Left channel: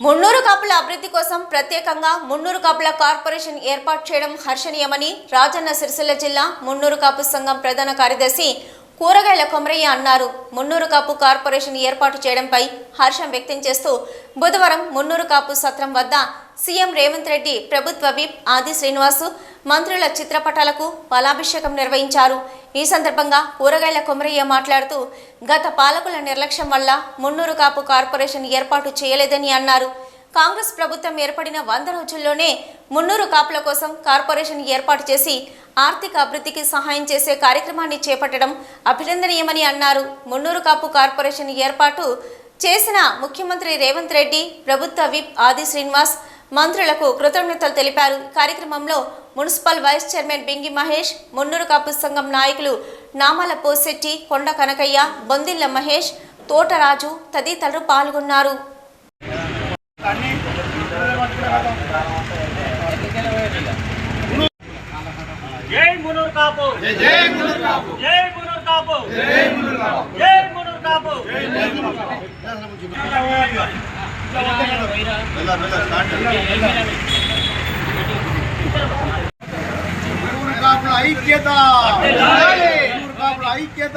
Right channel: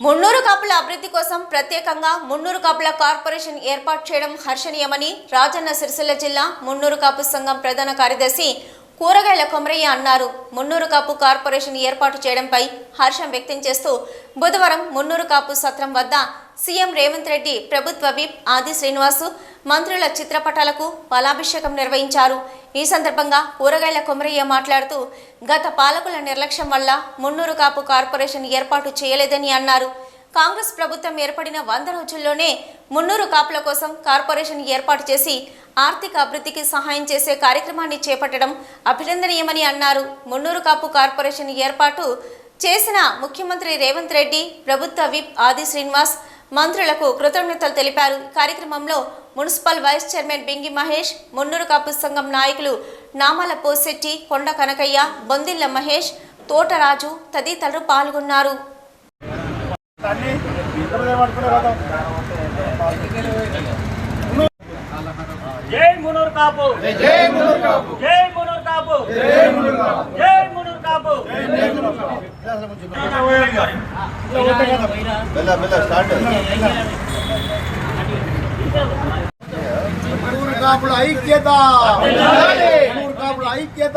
మున్నూరు కాపుల అభివృద్ధి కోసం ప్రత్యేకంగా మున్నూరు కాపుల కార్పొరేషన్ ఏర్పాటు చేయడం హర్షణీయమని రాజన్న సిరిసిల్ల జిల్లా మున్నూరు కాపు సంఘం ప్రధాన కార్యదర్శి కూరగాయల కొమరయ్య అన్నారు. మున్నూరు కాపు కార్పొరేషన్ ఏర్పాటు చేయడంపై హర్షం వ్యక్తం చేస్తూ బుధవారం మున్నూరు కాపు సత్రం వద్ద సీఎం రేవంత్ రెడ్డి ప్రభుత్వ విప్ ఆది శ్రీనివాసు మంత్రుల చిత్రపటాలకు ఫలాభిషేకం నిర్వహించారు. ఈ సందర్భంగా కూరగాయల కొమరయ్య మాట్లాడుతూ గత పాలకుల నిర్లక్ష్యం వల్ల మున్నూరు కాపు కార్పొరేషన్ ఏర్పాటు చేయలేదని అన్నారు. కాంగ్రెస్ ప్రభుత్వం ఏర్పడిన వంద రోజుల్లోనే మున్నూరు కాపుల కోసం కార్పొరేషన్ ఏర్పాటు చేసి ఆర్థిక అభివృద్ధికి సహాయం చేసే కార్యక్రమాన్ని చేపట్టడం అభినందనీయమని అన్నారు. మున్నూరు కాపు కార్పొరేషన్ ఏర్పాటు చేసిన ముఖ్యమంత్రి రేవంత్ రెడ్డి ప్రభుత్వ విప్ ఆది శ్రీనివాస్ మంత్రులకు కృతజ్ఞతలు తెలిపారు. కార్యక్రమంలో municipal vice chairman Bingi Mahesh Munnuru Kapu సంఘం నాయకులు నామాల పోసెట్టి కొండ కనకయ్య బొందిల్ల మహేష్ తోటరాజు తదితరులు పాల్గొన్నారు. జై మునూర్ కాపు జై మునూర్ కాపు జై మునూర్ కాపు జై మునూర్ కాపు జై మునూర్ కాపు ఊరు కాపుల ఐక్యత ఐక్యత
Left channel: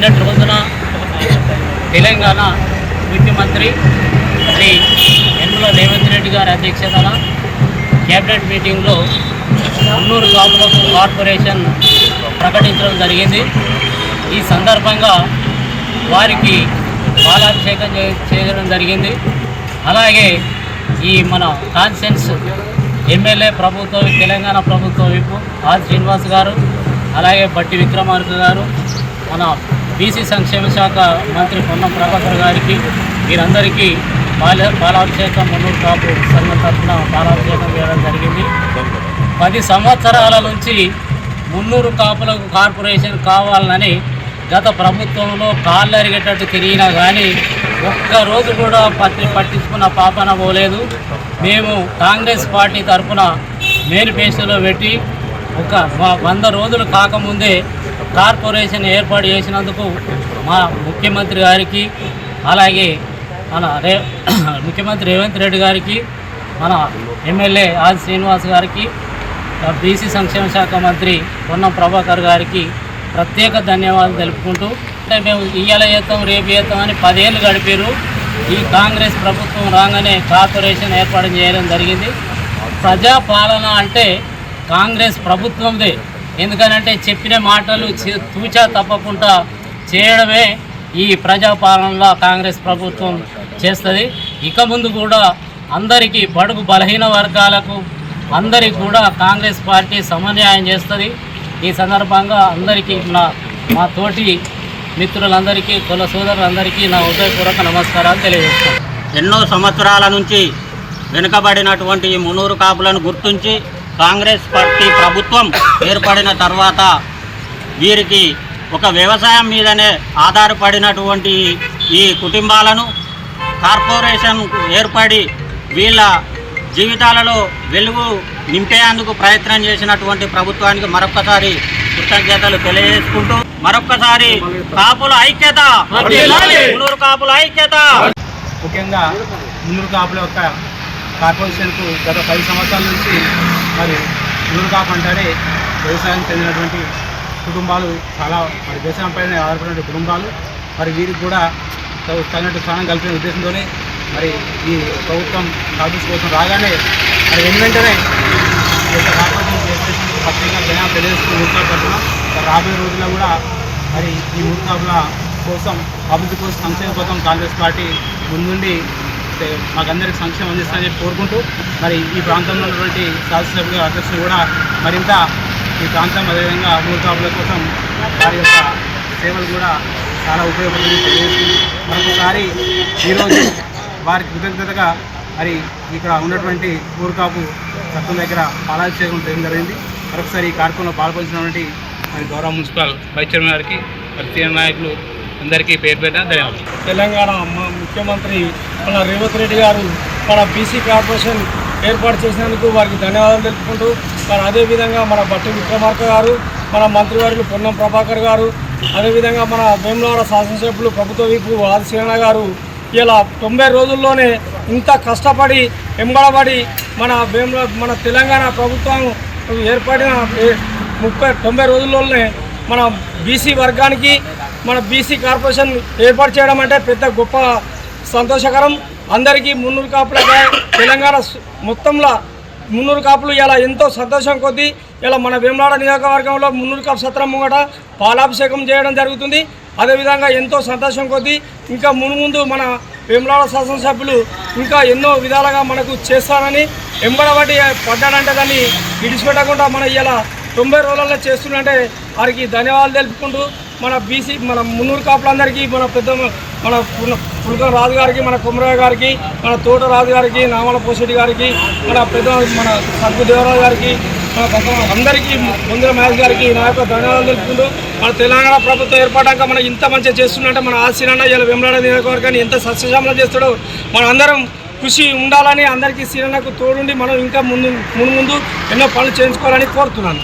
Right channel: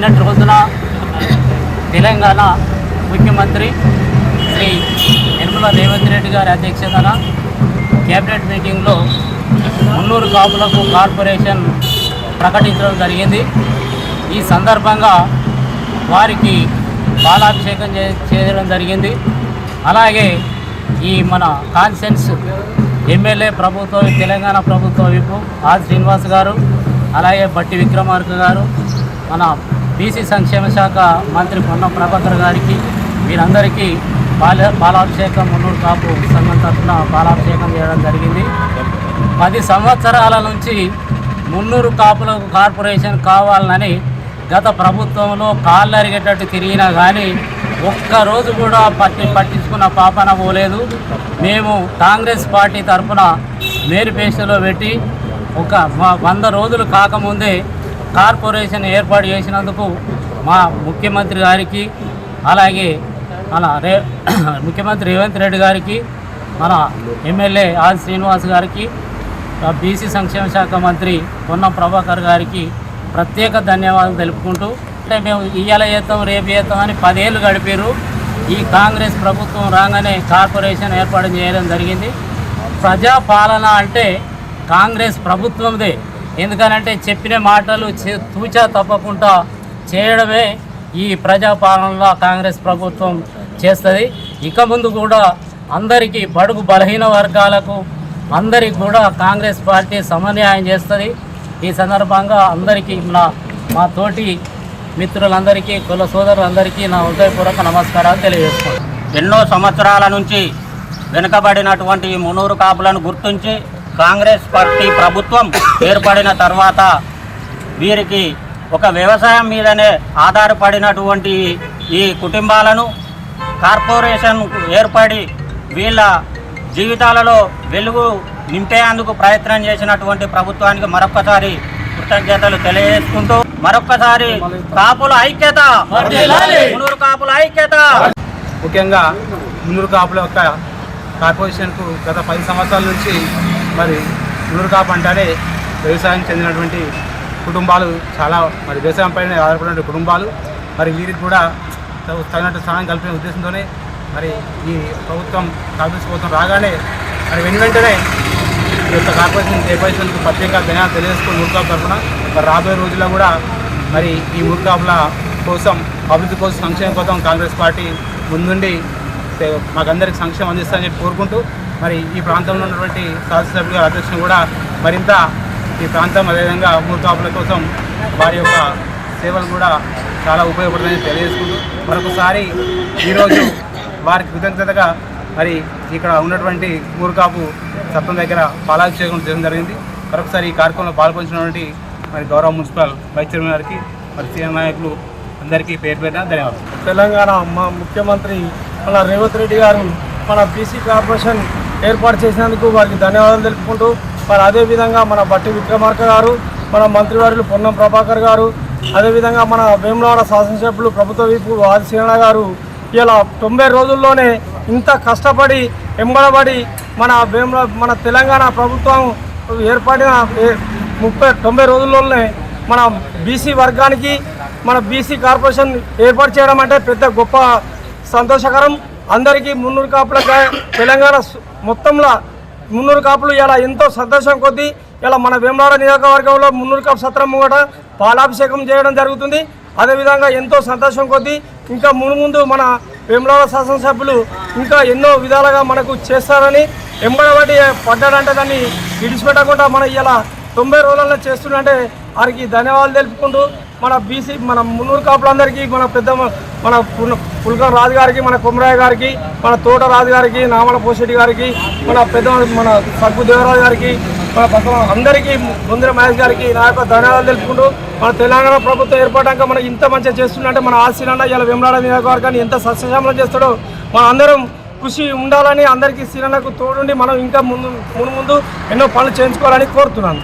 నిన్నటి రోజున తెలంగాణ ముఖ్యమంత్రి శ్రీ నిర్మల రేవంత్ రెడ్డి గారి అధ్యక్షతన కేబినెట్ మీటింగ్లో మున్నూరు కాపులకు కార్పొరేషన్ ప్రకటించడం జరిగింది. ఈ సందర్భంగా వారికి పాలాభిషేకం చే చేయడం జరిగింది. అలాగే ఈ మన కాన్సెన్స్ ఎమ్మెల్యే ప్రభుత్వ తెలంగాణ ప్రభుత్వ విపు ఆర్ శ్రీనివాస్ గారు అలాగే బట్టి విక్రమార్క గారు మన బీసీ సంక్షేమ శాఖ మంత్రి పొన్నం ప్రభాకర్ గారికి వీరందరికీ పాల పాలాభిషేకం మున్నూరు కాపు సంఘం తరఫున పాలాభిషేకం చేయడం జరిగింది. పది సంవత్సరాల నుంచి మున్నూరు కాపులకు కార్పొరేషన్ కావాలని గత ప్రభుత్వంలో కాళ్ళు అరిగేటట్టు తిరిగినా కానీ ఒక్కరోజు కూడా పట్టి పట్టించుకున్న పాపన పోలేదు. మేము కాంగ్రెస్ పార్టీ తరఫున మేనిఫెస్టోలో పెట్టి ఒక వంద రోజులు కాకముందే కార్పొరేషన్ ఏర్పాటు చేసినందుకు మా ముఖ్యమంత్రి గారికి అలాగే మన రే ముఖ్యమంత్రి రేవంత్ రెడ్డి గారికి మన ఎమ్మెల్యే ఆది శ్రీనివాస్ గారికి బీసీ సంక్షేమ శాఖ మంత్రి పొన్నం ప్రభాకర్ గారికి ప్రత్యేక ధన్యవాదాలు తెలుపుకుంటూ అంటే మేము ఇయ్యాల చేస్తాం రేపు చేస్తాం అని పదేళ్ళు గడిపారు. ఈ కాంగ్రెస్ ప్రభుత్వం రాగానే కార్పొరేషన్ ఏర్పాటు చేయడం జరిగింది. ప్రజాపాలన అంటే కాంగ్రెస్ ప్రభుత్వందే. ఎందుకనంటే చెప్పిన మాటలు తూచా తప్పకుండా చేయడమే ఈ ప్రజాపాలనలో కాంగ్రెస్ ప్రభుత్వం చేస్తుంది. ఇక ముందు కూడా అందరికీ బడుగు బలహీన వర్గాలకు అందరికి కూడా కాంగ్రెస్ పార్టీ సమన్వయం చేస్తుంది. ఈ సందర్భంగా అందరికీ నా మా తోటి మిత్రులందరికీ కుల సోదరులందరికీ నా హృదయపూర్వక నమస్కారాలు తెలియజేస్తాను. ఎన్నో సంవత్సరాల నుంచి వెనుకబడినటువంటి ఈ మునూరు కాపులను గుర్తించి కాంగ్రెస్ పార్టీ ప్రభుత్వం ఏర్పడిన తర్వాత వీరికి ఒక వ్యవసాయం మీదనే ఆధారపడినటువంటి ఈ కుటుంబాలను కార్పొరేషన్ ఏర్పడి వీళ్ళ జీవితాలలో వెలుగు నింపేందుకు ప్రయత్నం చేసినటువంటి ప్రభుత్వానికి మరొక్కసారి కృతజ్ఞతలు తెలియజేసుకుంటూ మరొక్కసారి కాపుల ఐక్యత మునూరు కాపుల ఐక్యత. ముఖ్యంగా మునూరు కాపుల యొక్క కార్పొరేషన్కు గత పది సంవత్సరాల నుంచి మరి మున్నూరు పంట అంటారే వ్యవసాయం చెందినటువంటి కుటుంబాలు చాలా మరి వ్యవసాయం పైన ఆధారపడిన కుటుంబాలు. మరి వీరికి కూడా తగినట్టు స్థానం కల్పించిన ఉద్దేశంతోనే మరి ఈ ప్రభుత్వం కార్పొరేషన్ కోసం రాగానే మరి వెను వెంటనే ఈ యొక్క కార్పొరేషన్ చేపట్టినందుకు ప్రత్యేక జనాలు తెలియజేసుకుని ఊరుకాపు తరఫున మరి రాబోయే రోజుల్లో కూడా మరి ఈ ఊరుకాపుల కోసం అభివృద్ధి కోసం సంక్షేమ కోసం కాంగ్రెస్ పార్టీ ముందుండి మాకందరికి సంక్షేమం అందిస్తారని చెప్పి కోరుకుంటూ మరి ఈ ప్రాంతంలో ఉన్నటువంటి శాసనసభ్యుల అధ్యక్షులు కూడా మరింత ఈ ప్రాంతం అదేవిధంగా ఊరుకాపుల కోసం వారి యొక్క సేవలు కూడా చాలా ఉపయోగపడుతుందని తెలియజేసుకుంటూ మరొకసారి ఈరోజు వారి కృతజ్ఞతగా మరి ఇక్కడ ఉన్నటువంటి ఊరుకాపు సత్వం దగ్గర పాలాభిషేకం చేయడం జరిగింది. మరొకసారి ఈ కార్యక్రమంలో పాల్గొంచినటువంటి మరి గౌరవ మున్సిపల్ వైస్ చైర్మన్ గారికి మరి సీనియర్ నాయకులు అందరికీ పేరు పేరున ధన్యవాదాలు. తెలంగాణ మా ముఖ్యమంత్రి మన రేవంత్ రెడ్డి గారు మన బీసీ కార్పొరేషన్ ఏర్పాటు చేసినందుకు వారికి ధన్యవాదాలు తెలుపుకుంటూ మరి అదేవిధంగా మన బట్టి విక్రమార్క గారు మన మంత్రివర్యులు పొన్నం ప్రభాకర్ గారు అదేవిధంగా మన వేములవాడ శాసనసభ్యులు ప్రభుత్వ వీపు ఆదిశీలన గారు ఇలా తొంభై రోజుల్లోనే ఇంత కష్టపడి ఎంబడబడి మన వేముల మన తెలంగాణ ప్రభుత్వం ఏర్పడిన ఏ- ముప్పై తొంభై రోజుల్లోనే మన బీసీ వర్గానికి మన బీసీ కార్పొరేషన్ ఏర్పాటు చేయడం అంటే పెద్ద గొప్ప సంతోషకరం. అందరికీ మున్నూరు కాపులకి తెలంగాణ మొత్తంలో మున్నూరు కాపులు ఇలా ఎంతో సంతోషం కొద్దీ ఇలా మన వేమలాడ నియోజకవర్గంలో మున్నూరు కాపు సత్రం ముంగట పాలాభిషేకం చేయడం జరుగుతుంది. అదేవిధంగా ఎంతో సంతోషం కొద్దీ ఇంకా మునుముందు మన వేమలాడ శాసనసభ్యులు ఇంకా ఎన్నో విధాలుగా మనకు చేస్తారని ఎంబడబడి పడ్డాడంటే దాన్ని విడిచిపెట్టకుండా మన ఇలా తొంభై రోజులలో చేస్తుందంటే వారికి ధన్యవాదాలు తెలుపుకుంటూ మన బీసీ మన మున్నూరు కాపులందరికీ మన పెద్ద మన పుల్కం రాజు గారికి మన కుమరయ్య గారికి మన తోట రాజు గారికి నామల పోషెట్టి గారికి మన పెద్ద మన సగ్గు దేవరాజు గారికి మన పక్క అందరికీ ముందర మహేష్ గారికి నా యొక్క ధన్యవాదాలు తెలుపుకుంటూ మన తెలంగాణ ప్రభుత్వం ఏర్పడాక మనం ఇంత మంచిగా చేస్తుండే మన ఆశీలన్న ఇలా వెంబడాడ నియోజకవర్గాన్ని ఎంత సస్యశ్యామలం చేస్తాడో మన అందరం కృషి ఉండాలని అందరికీ సీనన్నకు తోడుండి మనం ఇంకా ముందు ముందు ముందు ఎన్నో పనులు చేయించుకోవాలని కోరుతున్నాను.